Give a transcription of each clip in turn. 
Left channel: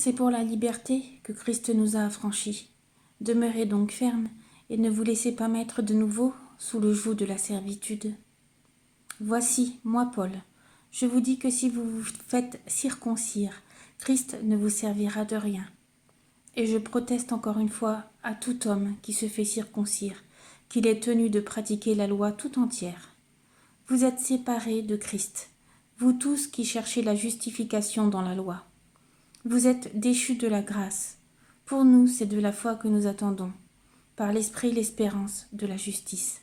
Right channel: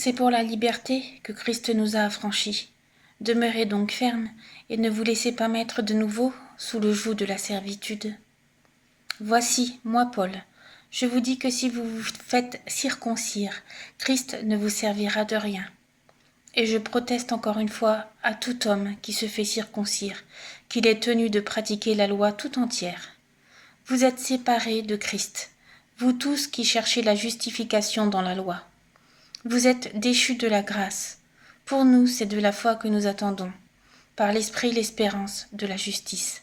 C'est pour la liberté que Christ nous a affranchis. Demeurez donc fermes et ne vous laissez pas mettre de nouveau sous le joug de la servitude. Voici, moi Paul, je vous dis que si vous vous faites circoncire, Christ ne vous servira de rien. Et je proteste encore une fois à tout homme qui se fait circoncire, qu'il est tenu de pratiquer la loi tout entière. Vous êtes séparés de Christ, vous tous qui cherchez la justification dans la loi. Vous êtes déchus de la grâce. Pour nous, c'est de la foi que nous attendons, par l'Esprit l'espérance de la justice.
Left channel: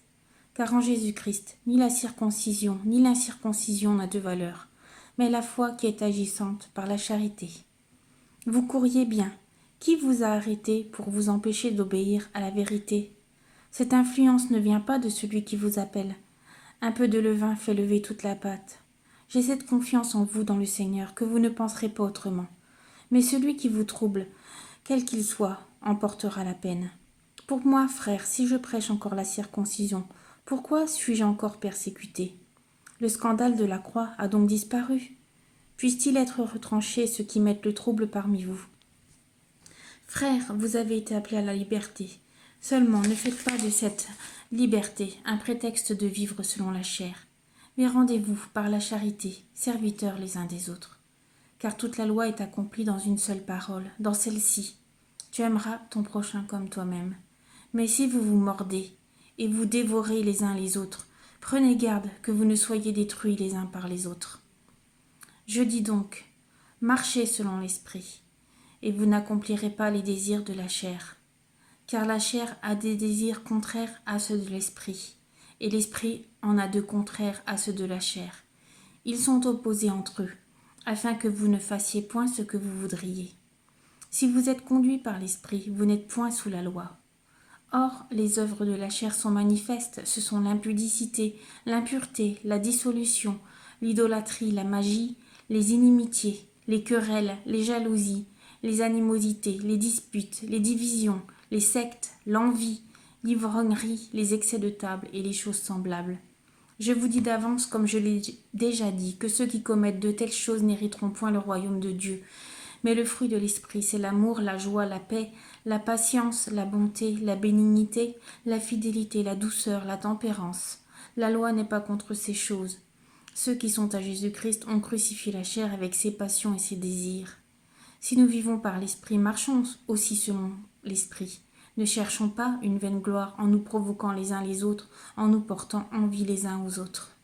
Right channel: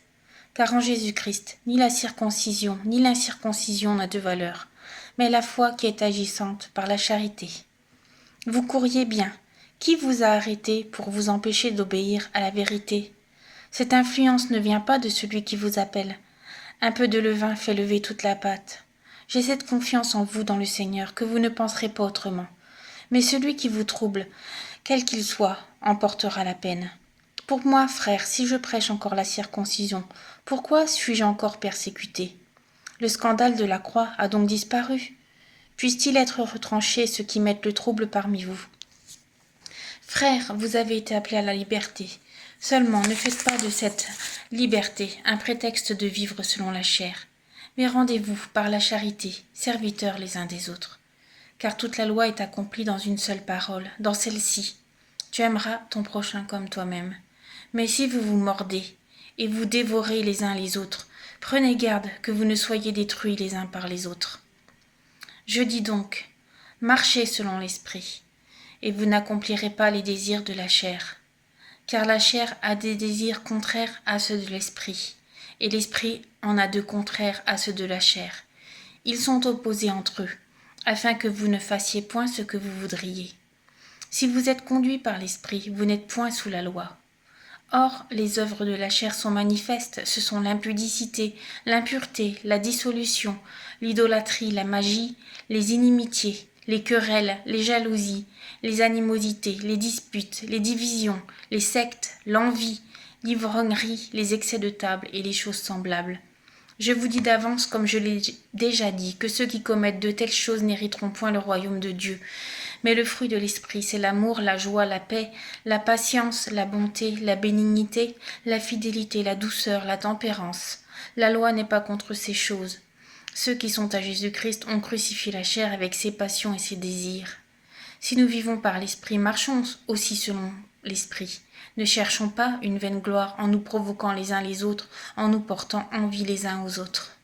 Car en Jésus-Christ, ni la circoncision, ni l'incirconcision n'a de valeur, mais la foi qui est agissante par la charité. Vous couriez bien. Qui vous a arrêté pour vous empêcher d'obéir à la vérité? Cette influence ne vient pas de celui qui vous appelle. Un peu de levain fait lever toute la pâte. J'ai cette confiance en vous dans le Seigneur que vous ne penserez pas autrement. Mais celui qui vous trouble, quel qu'il soit, en portera la peine. Pour moi, frère, si je prêche encore la circoncision, pourquoi suis-je encore persécuté? Le scandale de la croix a donc disparu. Puisse-t-il être retranché ceux qui mettent le trouble parmi vous? Frères, vous avez été appelés à la liberté. Seulement, ne faites pas de cette liberté un prétexte de vivre selon la chair, mais rendez-vous par la charité, serviteurs les uns des autres. Car toute la loi est accomplie dans une seule parole, dans celle-ci. Tu aimeras ton prochain comme toi-même. Mais si vous vous mordez et vous dévorez les uns les autres, prenez garde que vous ne soyez détruits les uns par les autres. Je dis donc, marchez selon l'esprit, et vous n'accomplirez pas les désirs de la chair. Car la chair a des désirs contraires à ceux de l'esprit, et l'esprit en a de contraires à ceux de la chair. Ils sont opposés entre eux, afin que vous ne fassiez point ce que vous voudriez. Si vous êtes conduits par l'esprit, vous n'êtes point sous la loi. Or, les œuvres de la chair sont manifestes, ce sont l'impudicité, l'impureté, la dissolution, l'idolâtrie, la magie, les inimitiés, les querelles, les jalousies, les animosités, les disputes, les divisions, les sectes, l'envie, l'ivrognerie, les excès de table et les choses semblables. Je vous dis d'avance, comme je l'ai déjà dit, que ceux qui commettent de telles choses n'hériteront point le royaume de Dieu. Mais le fruit de l'esprit, c'est l'amour, la joie, la paix, la patience, la bonté, la bénignité, la fidélité, la douceur, la tempérance. La loi n'est pas contre ces choses. Ceux qui sont à Jésus-Christ ont crucifié la chair avec ses passions et ses désirs. Si nous vivons par l'esprit, marchons aussi selon l'esprit. Ne cherchons pas une vaine gloire en nous provoquant les uns les autres, en nous portant envie les uns aux autres.